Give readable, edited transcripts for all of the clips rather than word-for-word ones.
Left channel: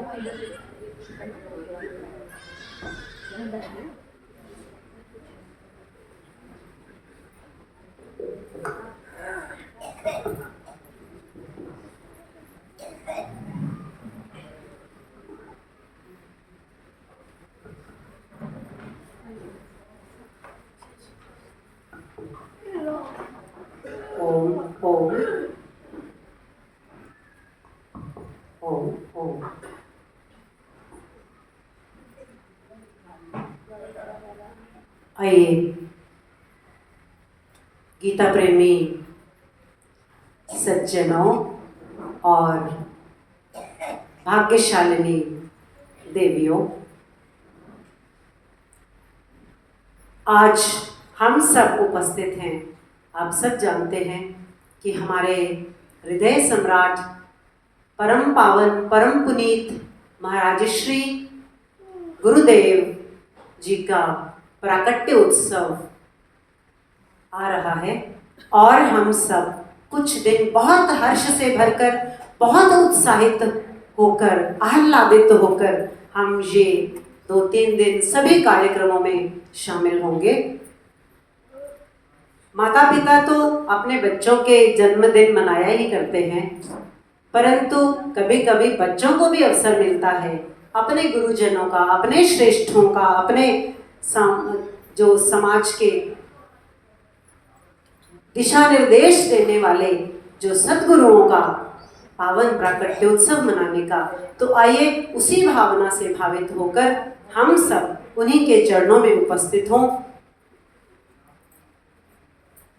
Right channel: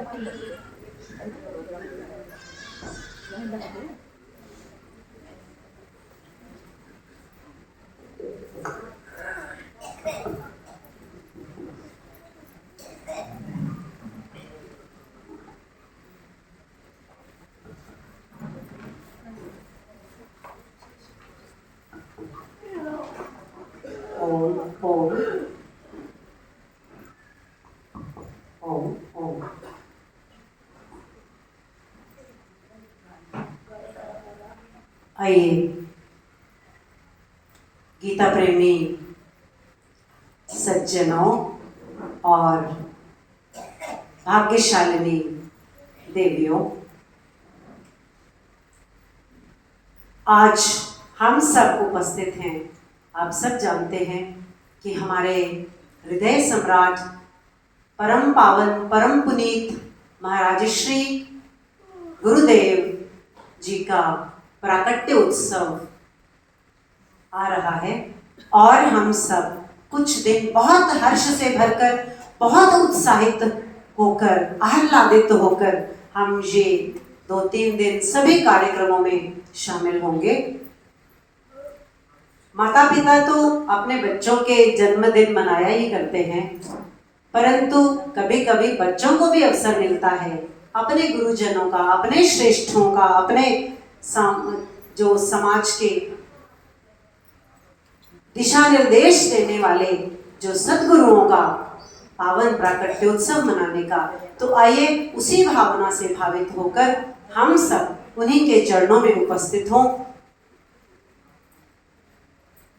आइए गीता प्रेमी सज्जनों और भाग्यशालिनी देवियों, आज हम सब उपस्थित हैं। आप सब जानते हैं कि हमारे हृदय सम्राट परम पावन परम पुनीत महाराज श्री गुरुदेव जी का प्राकट्य उत्सव आ रहा है और हम सब कुछ दिन बहुत हर्ष से भरकर, बहुत उत्साहित होकर, आह्लादित होकर हम ये 2-3 दिन सभी कार्यक्रमों में शामिल होंगे। माता पिता तो अपने बच्चों के जन्मदिन मनाया ही करते हैं, परंतु कभी कभी बच्चों को भी अवसर मिलता है अपने गुरुजनों का, अपने श्रेष्ठों का, अपने जो समाज के दिशा निर्देश देने वाले जो सद्गुरुओं का पावन प्राकट्योत्सव मनाने का। तो आइए उसी भावना से भावित होकर हम सब उन्हीं के चरणों में उपस्थित हों।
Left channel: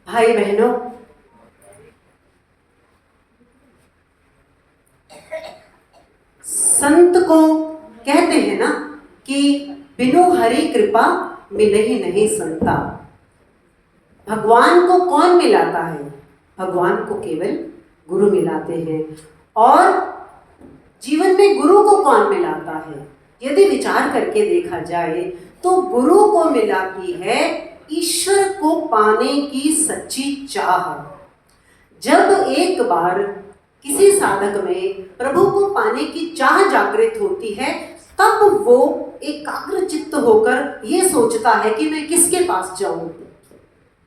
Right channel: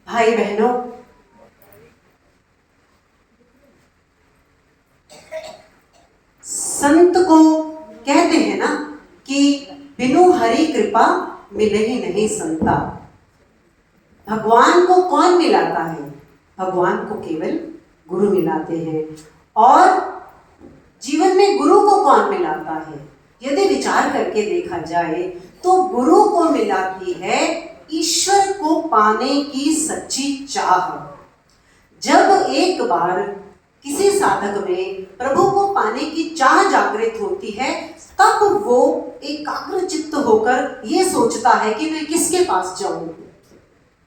भाई बहनों, संत को कहते हैं ना कि बिनु हरि कृपा मिले ही नहीं संता। भगवान को कौन मिलाता है? भगवान को केवल गुरु मिलाते हैं। और जीवन में गुरु को कौन मिलाता है? यदि विचार करके देखा जाए तो गुरु को मिलाती है ईश्वर को पाने की सच्ची चाह। जब एक बार किसी साधक में प्रभु को पाने की चाह जागृत होती है, तब वो एकाग्र चित्त होकर ये सोचता है कि मैं किसके पास जाऊं।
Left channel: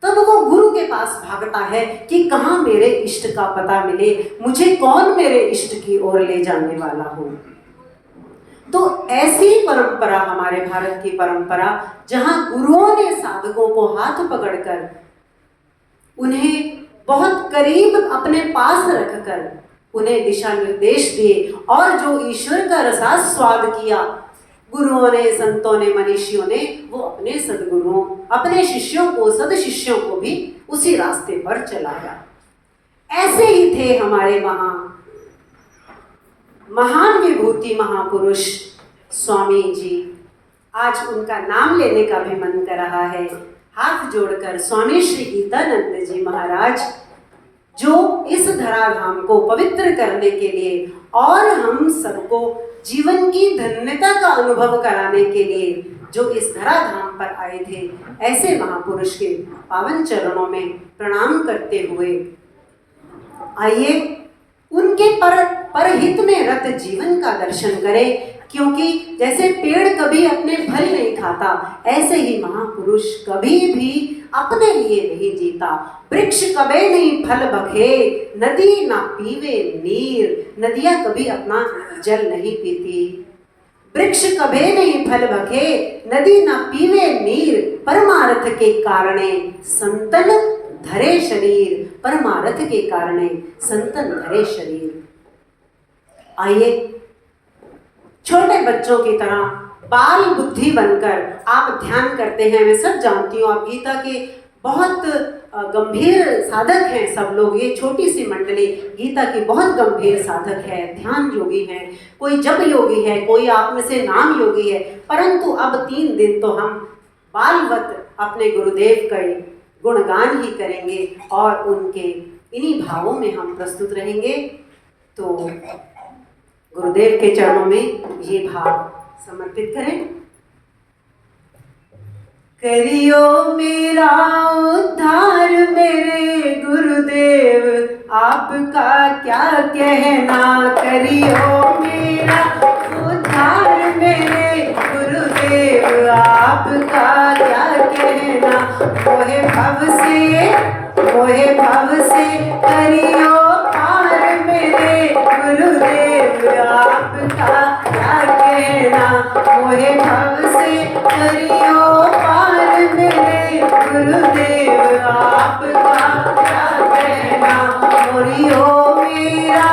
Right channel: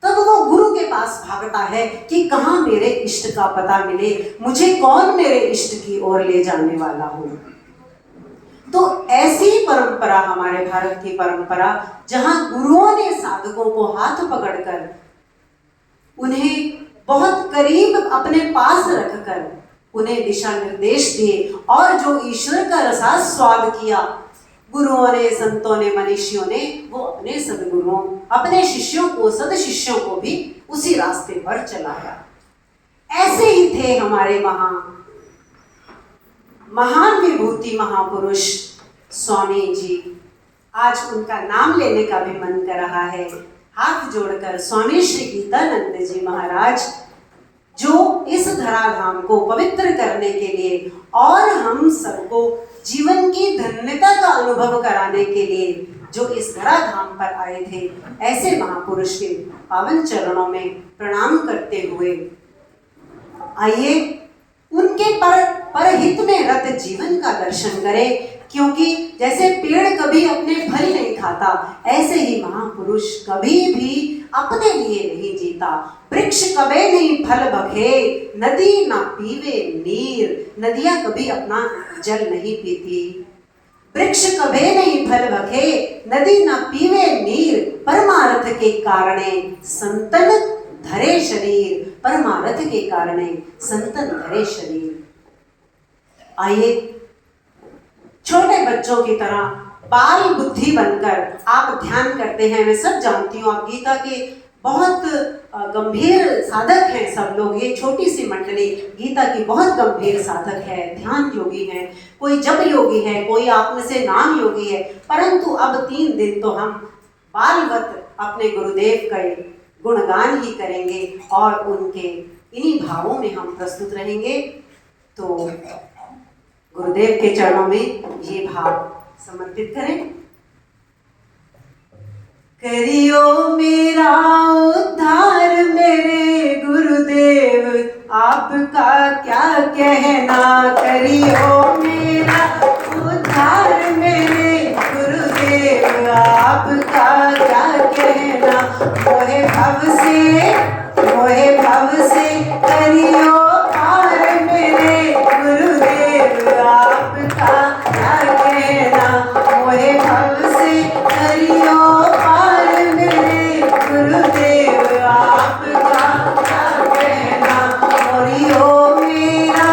तब वो गुरु के पास भागता है कि कहाँ मेरे इष्ट का पता मिले, मुझे कौन मेरे इष्ट की ओर ले जाने वाला हो। तो ऐसी परंपरा हमारे भारत की परंपरा, जहां गुरुओं ने साधकों को हाथ पकड़कर उन्हें बहुत करीब अपने पास रखकर उन्हें दिशा निर्देश दिए और जो ईश्वर का रसास्वाद किया गुरुओं ने, संतों ने, मनीषियों ने, वो अपने सदगुरुओं, अपने शिष्यों को, सद शिष्यों को भी उसी रास्ते पर चलाया। ऐसे ही थे हमारे महान विभूति महापुरुष स्वामी जी। आज उनका नाम लेने का भी मन कर रहा है। हाथ जोड़कर स्वामी श्री गीतानंद जी महाराज, जो इस धराधाम को पवित्र करने के लिए और हम सबको जीवन की धन्यता का अनुभव कराने के लिए जो इस धराधाम पर आए थे, ऐसे महापुरुष के पावन चरणों में प्रणाम करते हुए आइए उनके परहित में रत जीवन का दर्शन करें। क्योंकि जैसे पेड़ कभी अपने फल नहीं खाता, ऐसे ही महापुरुष कभी भी अपने लिए नहीं जीता। वृक्ष कभी नहीं फल बखे, नदी ना पीवे नीर। नदियां कभी अपना जल नहीं पीती। वृक्ष कभी नहीं फल बखे, नदी ना पीवे नीर। परमार्थ के कारणे संतन धरे शरीर। परमार्थ के कारणे संतन धरे शरीर। आइए छोटे बच्चों की तरह बाल बुद्धि बनकर आप ध्यान करते हैं। मैं सब जानती हूँ आप गीता के बहुत गंभीर साधक हैं सब लोग। ये छोटी सी मंडली गीता की बहुत गंभीर साधक है, ध्यान योगी है, कोई जप योगी है, कोई आप में से नाम योगी है। परंतु अब 3 दिन तो हम बालवत अपने गुरुदेव के गुणगान ही करेंगे और उनके इन्हीं भावों में हम प्रस्तुत रहेंगे। तो गुरुदेव के चरणों में ये भाव समर्पित करें। करियो मेरा उद्धार मेरे गुरुदेव, आपका क्या कहना। करियो मेरा से मोहे भव से करियो पार मेरे गुरुदेव आपका क्या कहना। मोहे भव से करियो पार मेरे गुरुदेव आपका क्या कहना। मोरियो मेरा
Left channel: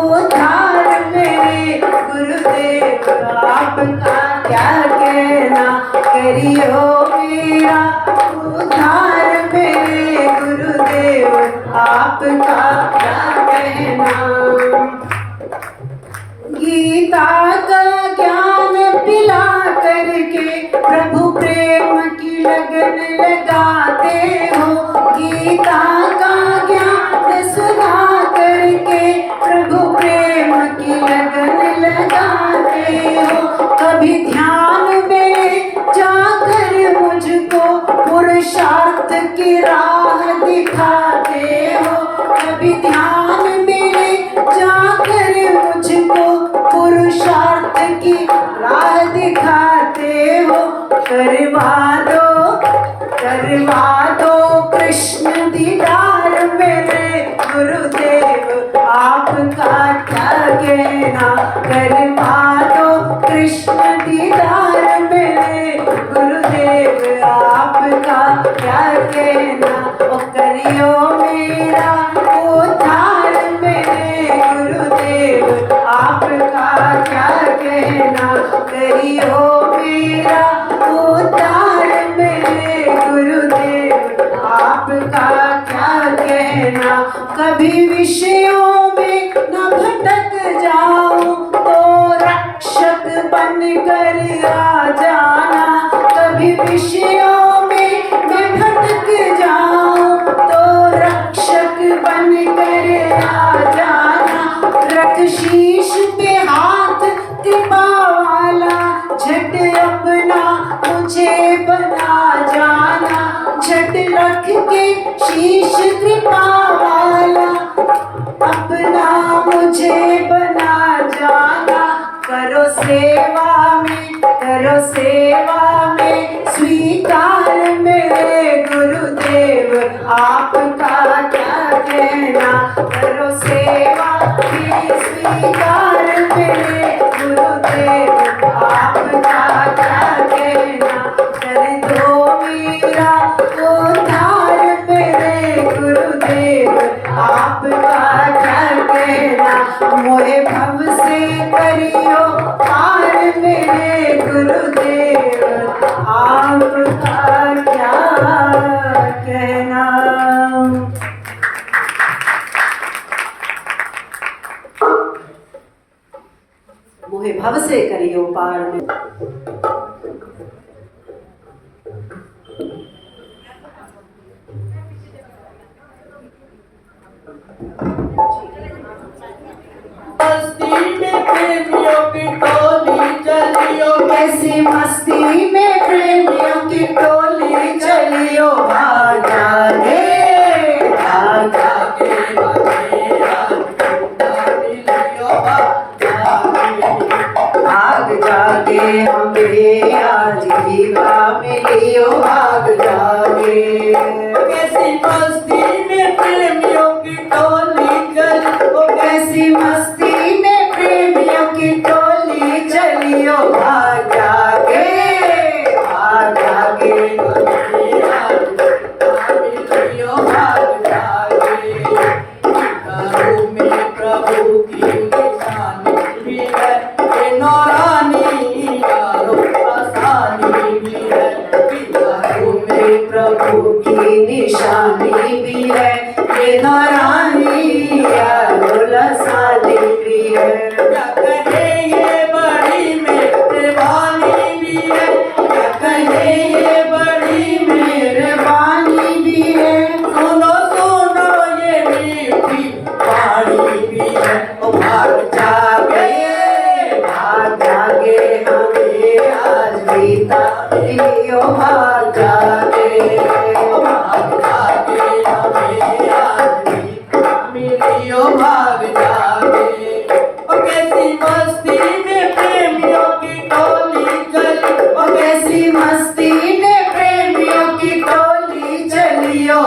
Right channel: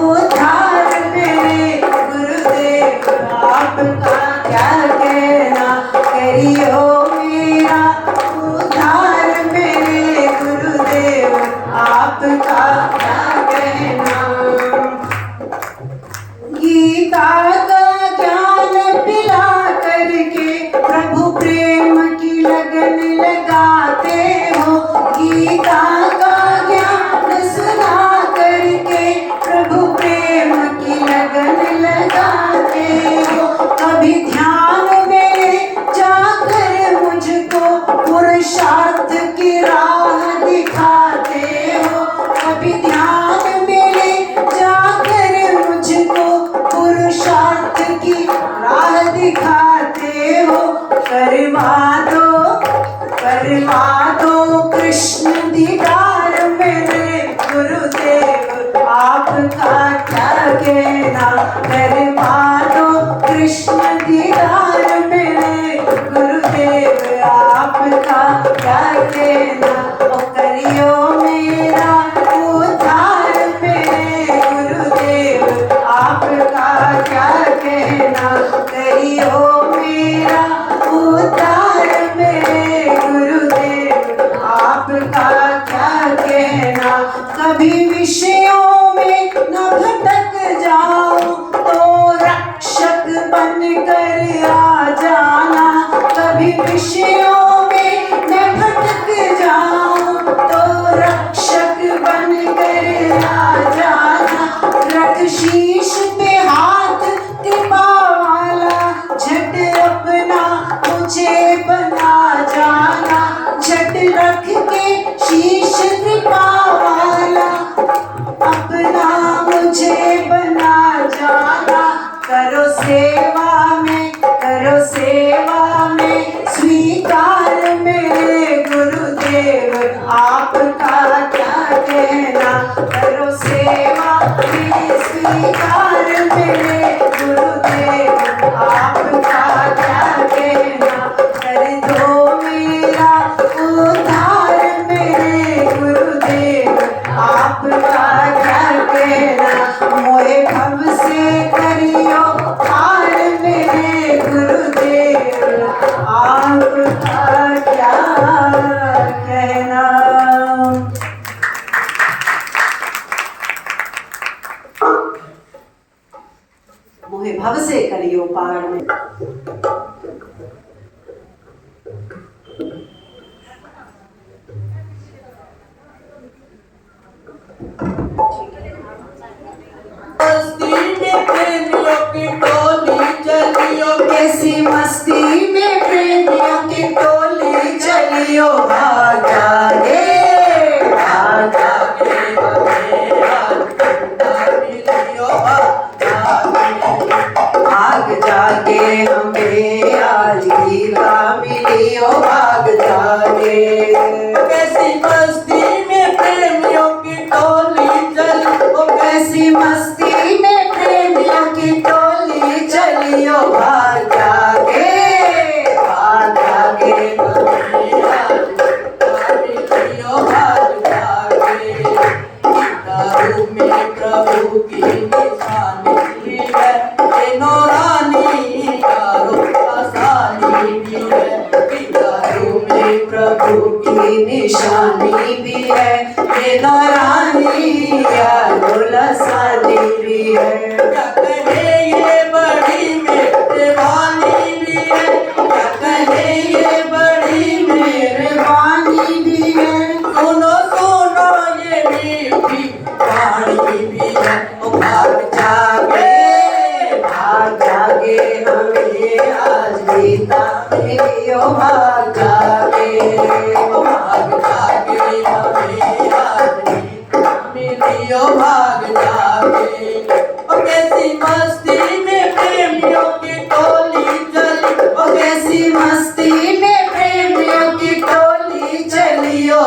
उद्धार मेरे गुरुदेव आपका क्या कहना। करियो मेरा उद्धार मेरे गुरुदेव आपका क्या कहना। गीता का ज्ञान पिला करके प्रभु प्रेम की लगन लगाते हो। गीता का ज्ञान सुना करके प्रभु प्रेम की लगन लगाते हो। कभी ध्यान में जाकर मुझको पुरुषार्थ की राह दिखाते हो। कभी ध्यान में जाकर मुझको पुरुषार्थ की राह दिखाते हो। करवा दो कृष्ण दीदार मेरे गुरुदेव आपका क्या कहना। करवा दो कृष्ण दीदार मेरे गुरुदेव आपका क्या कहना। ओ करियो मेरा उद्धार मेरे गुरुदेव आपका क्या कहना। करियो मेरा उद्धार मेरे गुरुदेव आपका क्या कहना। कभी विषयों में न भटक जाऊं तो रक्षक बन कर आ जाना। कभी विषयों में न भटक जाऊं तो रक्षक बन कर आ जाना। रख शीश पे हाथ कृपा वाला झट अपना मुझे बना जाना। झट रख के शीश कृपा वाला अपना मुझे बना जाना। करो सेवा में स्वीकार मेरे गुरुदेव आपका क्या कहना। करो सेवा में स्वीकार मेरे गुरुदेव आपका क्या कहना। कर दो मेरा उद्धार मेरे गुरुदेव आपका क्या कहना। मोहे भव से करियो पार मेरे गुरुदेव आपका क्या कहना। मोहे भव से करियो पार में कैसी मस्ती में प्रेमियों की टोली चलियो। भाग जागे हमें आज गीता मिलियो। भाग जागे कैसी मस्ती में प्रेमियों की टोली चलियो। कैसी मस्ती में प्रेमियों की टोली चलियो। भाग जागे मिलियो। भाग जागे गीताओं में प्रभु की निशानी भी है। ये नौरानी का आसानी भी है। गीताओं में प्रभु की निशानी भी है। ये नौरानी का आसानी भी है। क्या कहे ये बड़ी मेहरबानी भी है। क्या कहे ये बड़ी मेहरबानी भी है। सुनो ये मीठी वाणी भी है। भाग जागे हमें आज गीता मिलियो। भाग जागे हमें आज गीता मिलियो। भाग जागे कैसी मस्ती में प्रेमियों की टोली चली। कैसी मस्ती में प्रेमियों की टोली चलियो।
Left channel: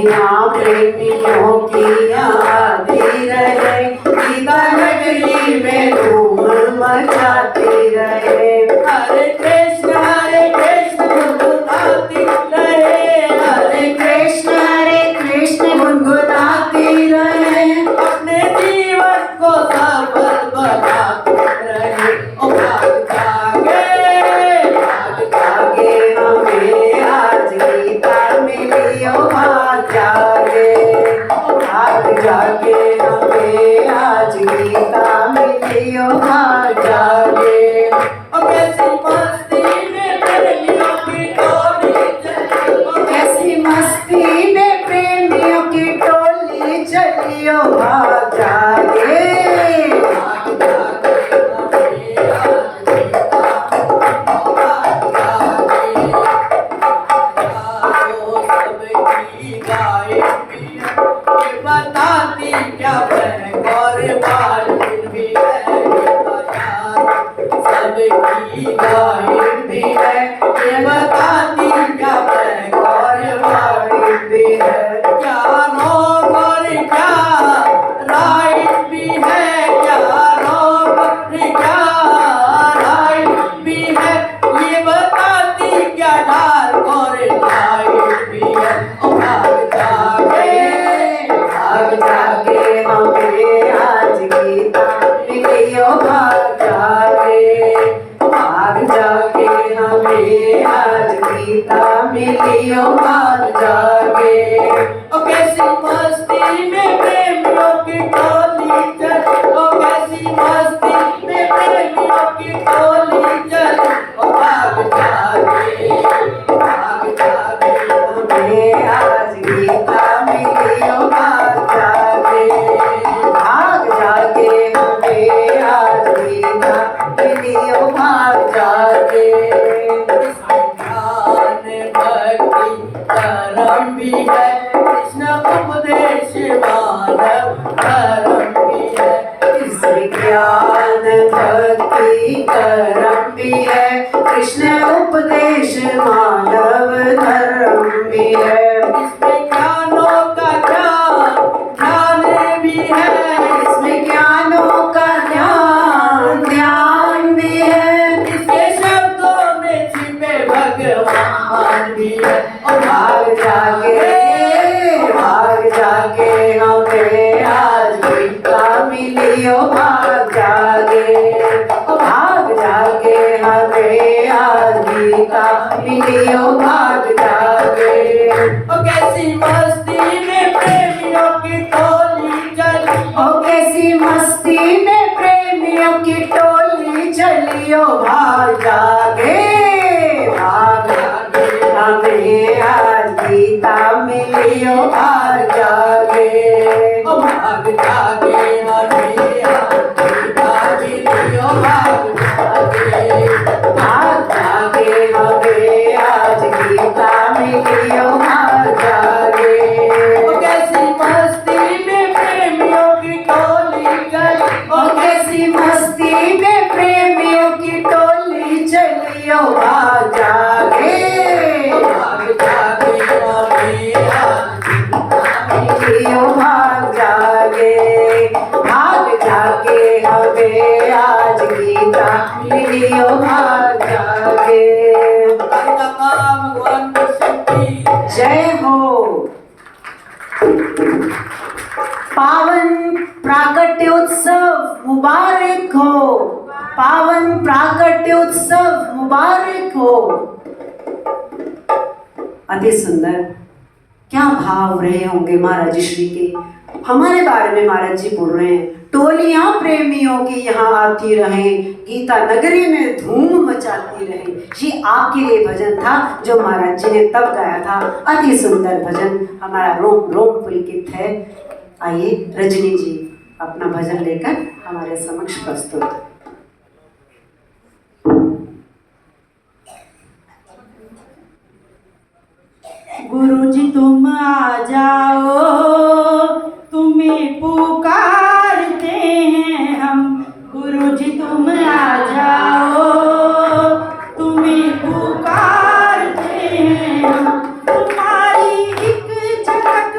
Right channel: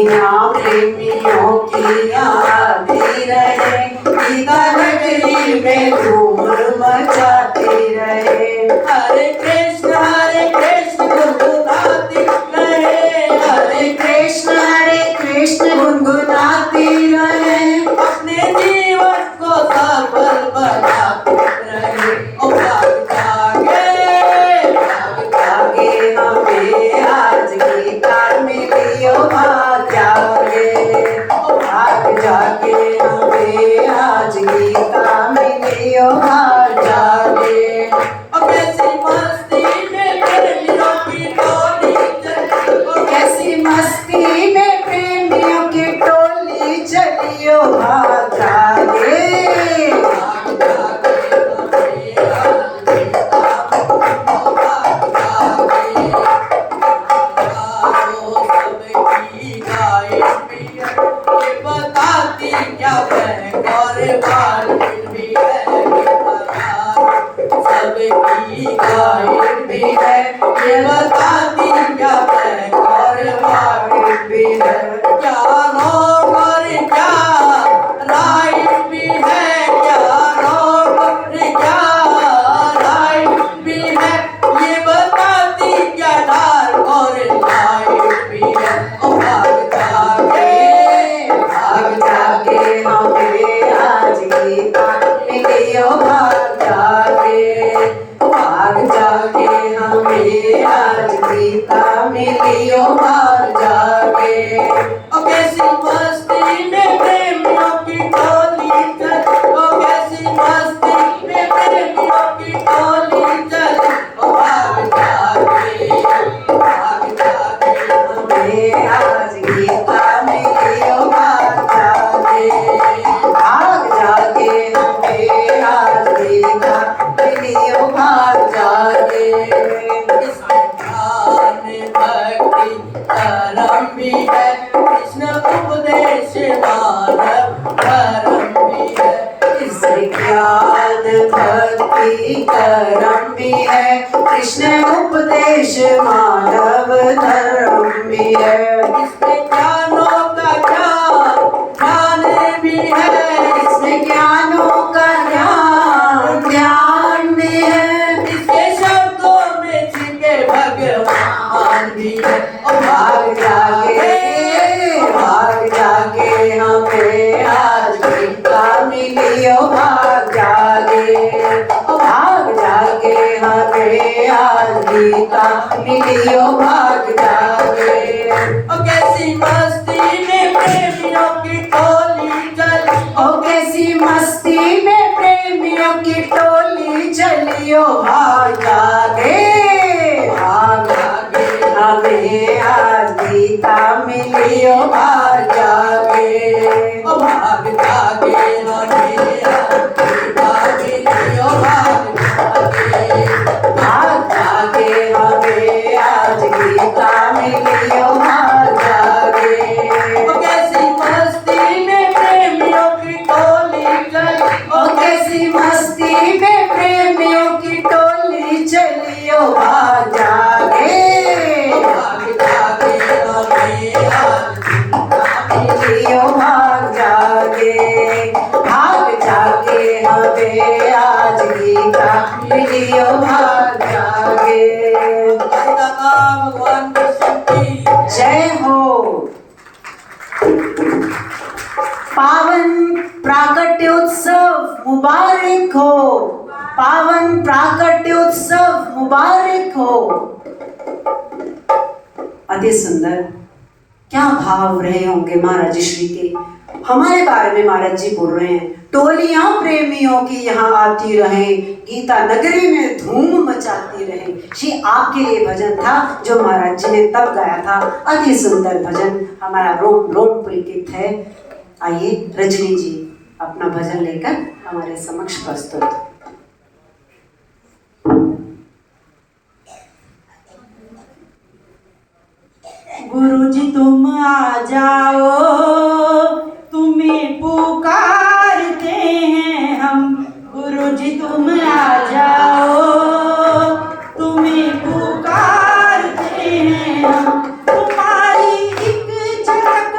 यहाँ प्रेमियों की आती रहे, गीता नगरी में धूम मचाती रहे। हरे कृष्ण गुनगुनाती रहे, हरे कृष्ण गुनगुनाती रहे, अपने जीवन को सफल बनाती रहे। ओ भाग जागे हमें आज गीता मिली, ओ भाग जागे हमें आज गीता मिली, ओ भाग जागे। कैसी मस्ती में प्रेमियों की टोली चली, कैसी मस्ती में प्रेमियों की टोली चली, ओ भाग जागे। बताती क्या सबकी गाइड भी है, ये बताती क्या और वाइड भी है, क्या नोट और क्या राइट भी है, क्या नोट और क्या राइट भी है, ये बताती क्या डार्क और लाइट भी है। ओ भाग जागे हमें आज गीता मिली, ओ भाग जागे हमें आज गीता मिली, ओ भाग जागे। ओ कैसी मस्ती में प्रेमियों की टोली चली, ओ कैसी मस्ती में प्रेमियों की टोली चली, ओ भाग जागे हमें आज गीता मिली, ओ भाग जागे हमें आज गीता मिली, ओ भाग जागे। भक्ति परम भी है, कृष्ण उपदेश मानव धर्म भी है, इसमें ज्ञान भक्ति कर्म भी है, कृष्ण उपदेश मानव धर्म भी है, इसमें ज्ञानों का ज्ञान भी है, इसमें ज्ञानों का ध्यान भी है, इसके शब्दों में छिपे भगवान भी है। ओ भाग जागे हमें आज गीता मिली, ओ भाग जागे हमें आज गीता मिली, ओ भाग जागे। ओ कैसी मस्ती में प्रेमियों की टोली चली, ओ कैसी मस्ती में प्रेमियों की टोली चली, ओ भाग जागे हमें आज गीता मिली, ओ भाग जागे। ओ भाग जागे हमें आज गीता मिली, ओ भाग जागे हमें आज गीता मिली, ओ भाग जागे। ओ कैसी मस्ती में प्रेमियों की टोली चली, ओ कैसी मस्ती में प्रेमियों की टोली चली, ओ भाग जागे हमें आज गीता मिली, ओ भाग जागे। भगवान कृष्ण की जय हो। पावन प्राकट्योत्सव मुबारक हो, पावन प्राकट्योत्सव मुबारक हो। अति सुंदर, क्या भाव रहे होंगे महाराज श्री के। हमारे बारे में महाराज जी बोल रहे हैं, टोलियां प्रेमियों की यहाँ आती रहे, गीता नगरी में धूम मचाती रहे। ये आपके लिए भजन था जो महाराज जी ने तब गाया था। अति सुंदर भजन, हमारा रोम रोम पुलकित है। आइए रजनी जी अपना भजन लेकर हमारे समक्ष प्रस्तुत। गुरुजी तुम आ जाओ, तुम्हें पुकारते हैं हम। गुरुजी तुम आ जाओ, तुम्हें पुकारते हैं हम। तुम्हारी एक झलक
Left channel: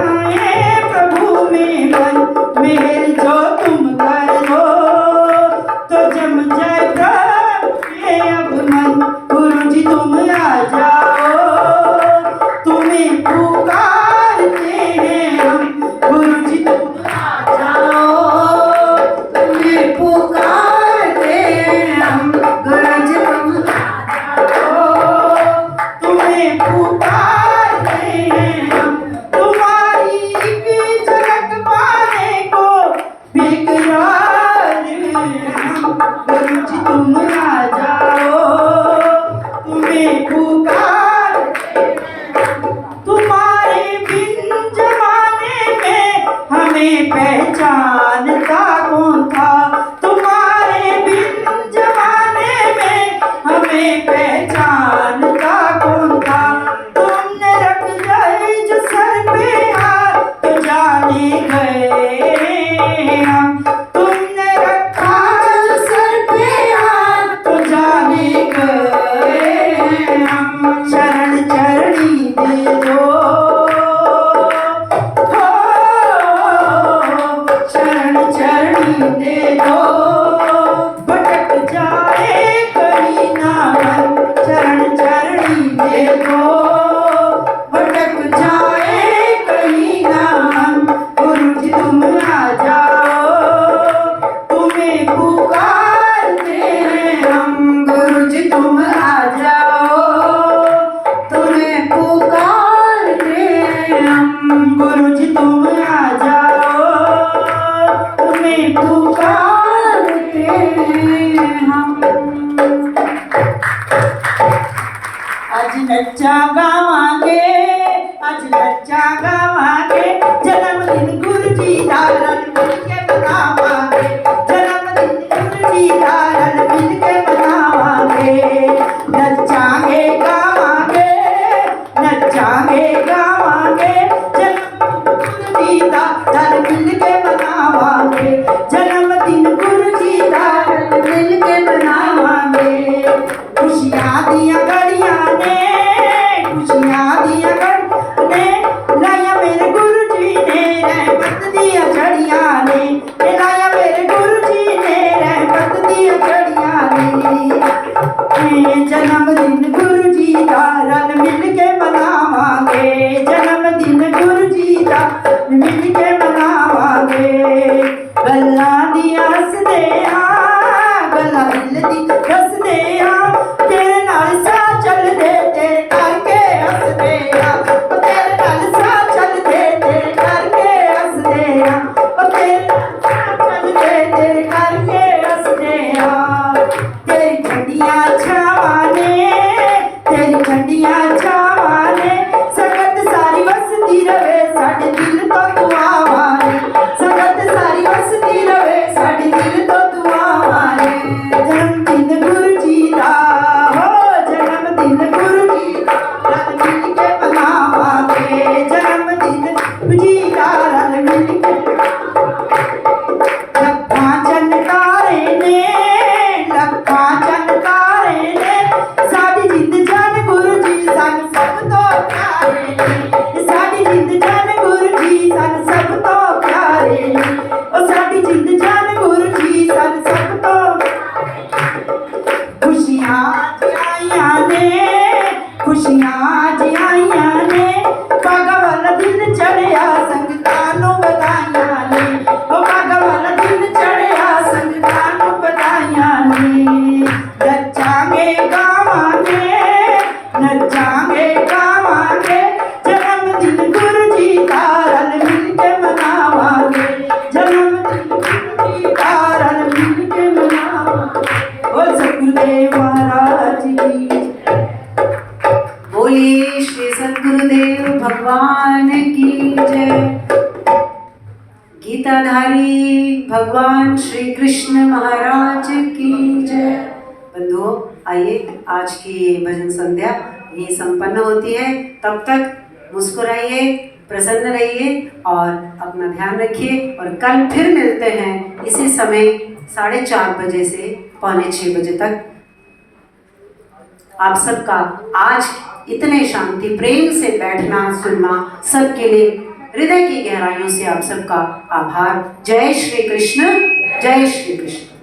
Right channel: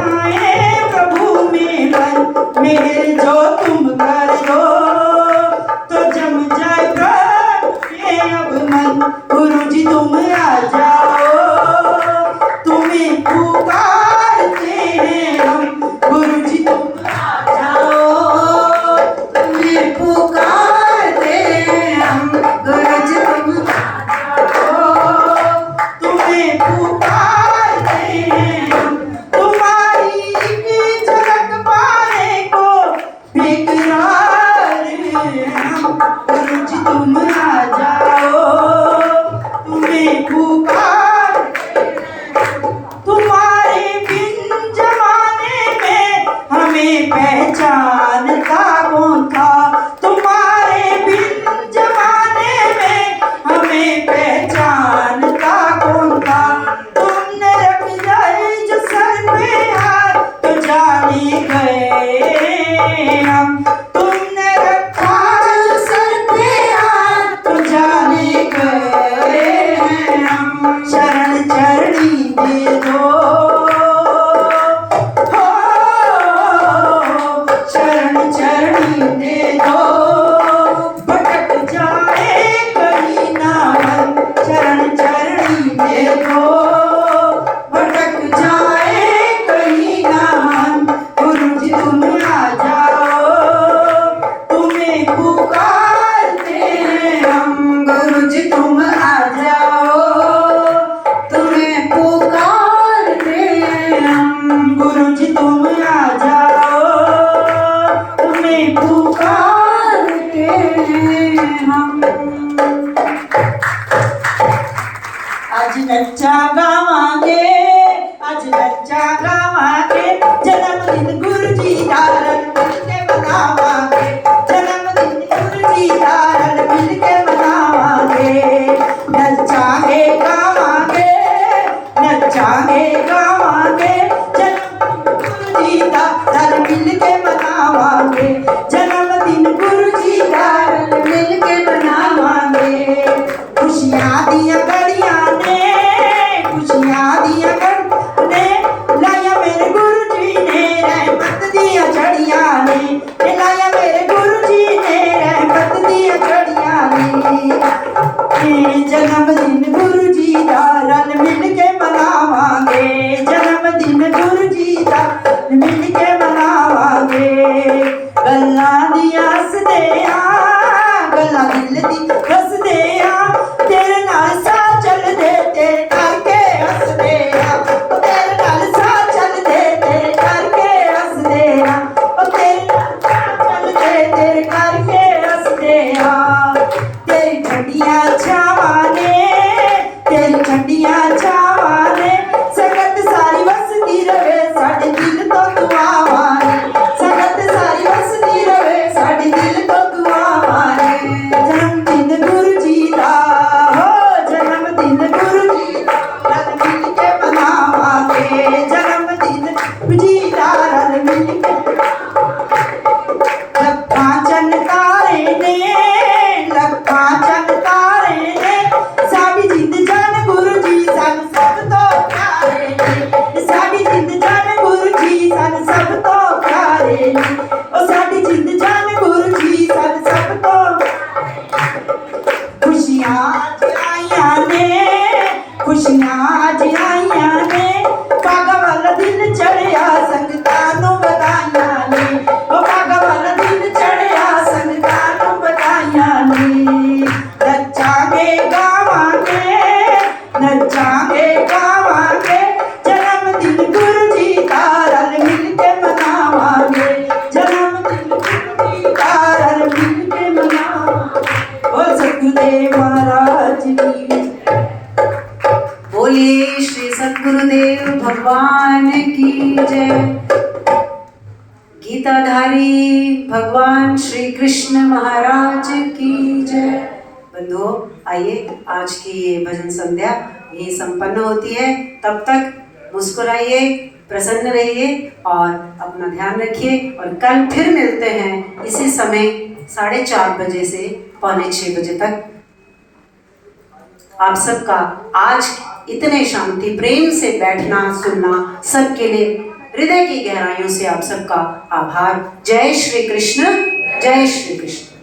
जाए प्रभु में मन, मेहर जो तुम कर दो तो जम जाए प्रभु ये अब मन। गुरु जी तुम आ जाओ, तुम्हें पुकारते हैं हम। गुरु जी तुम आ जाओ, तुम्हें पुकारते हैं हम। गुरु जी तुम आ जाओ, तुम्हें पुकारते हैं हम। तुम्हारी की झलक पाने को बेकरार हैं हम। गुरु जी तुम आ जाओ, तुम्हें पुकारते हैं हम। तुम्हारे बिन जमाने में हमें पहचानता कौन था। तुम्हारे बिन जमाने में हमें पहचानता कौन था। तुमने रख जाए जो सर पे हाथ तो जाने गए हम। तुमने रखा जो सर पे हाथ तो जाने गए हम। शरण चरणी दे दो, शरण चरणी दे दो। भटक जाए कहीं ना मन, शरण चरणी दे दो। भटक जाए कहीं ना मन। गुरु जी तुम आ जाओ, तुम्हें पुकारते हैं हम। गुरु जी तुम आ जाओ, तुम्हें पुकारते हैं हम। गुरु जी तुम आ जाओ, तुम्हें पुकारते हैं हम। आज नच्चा गावांगे, आज नच्चा गावांगे। जन्मदिन गुरु जी दा रल मिल के मनावांगे। जन्मदिन गुरु जी दा रल मिल के मनावांगे। नचांगे गावांगे, नचांगे गावांगे। जन्मदिन गुरु जी दा रल मिल के मनावांगे। जन्मदिन गुरु जी दा रल मिल के मनावांगे। खुशियां दियां घड़ियां ने, खुशियां दियां घड़ियां ने लाया मेरे गुरु जी ने। रहमत दियां झड़ियां ने लाया मेरे गुरु जी ने। रहमत दियां झड़ियां ने। जन्मदिन गुरु जी दा रल मिल के मनावांगे। जन्मदिन गुरु जी दा मिल के मनावांगे। गल्लां दी हसदे आ, गल्लां दिल दी दसदे आ। तेरे नाल सा चलदे तेरे करके हसदे आ। ओ तेरे नाल सा चलदे तेरे करके हसदे आ। ओ तेरे नाल सा चलदे तेरे करके हसदे आ। तेरी ठंडियां छावां ने, तेरी ठंडियां छावां ने। संगत सारी वसदी रवे साडे दिल तो दुआवां ने। संगत सारी वसदी रवे साडे दिल तो दुआवां ने। जन्मदिन गुरु जी दा, हो जन्मदिन गुरु जी दा रल मिल के मनावांगे। जन्मदिन गुरु जी दा रल मिल के लखां चन तारे ने, लखां चन तारे ने। साडी जिंद जान गुरु जी सन सब तो प्यारे ने। साडी जिंद जान गुरु जी सन सब तो प्यारे ने। ओ साडी जिंद जान गुरु जी सन सब तो। खुशियां आज आईयां ने, खुशियां आज आईयां ने। भागा वाला दिन चढ़िया संगतां नूं बधाइयां ने। ओ भागा वाला दिन चढ़िया संगतां नूं बधाइयां ने। नचांगे गावांगे, नचांगे गावांगे। जन्मदिन गुरु जी दा रल मिल के मनावांगे। जन्मदिन गुरु जी दा रल मिल के मनावांगे। ओ सतगुरुदेव महाराज की बोलिए श्री सद्गुरुदेव भगवान की जय। गीताधारी भगवान श्री कृष्ण महाराज की जय। बंधुओं, आइए आज की ये भजन संध्या ये संपन्न होती है। तब तक मुस्कुराइए, प्रसन्न रहिए और अपना ध्यान रखिए। और कल फिर मिलते हैं इसी समय 4:30 बजे से 5:45 बजे तक। आप सबका आज इतने शांति प्रेम से बैठना सुनना सबके लिए हृदय की गहराइयों से आप सबका आभार। जय श्री कृष्ण, जय श्री कृष्ण।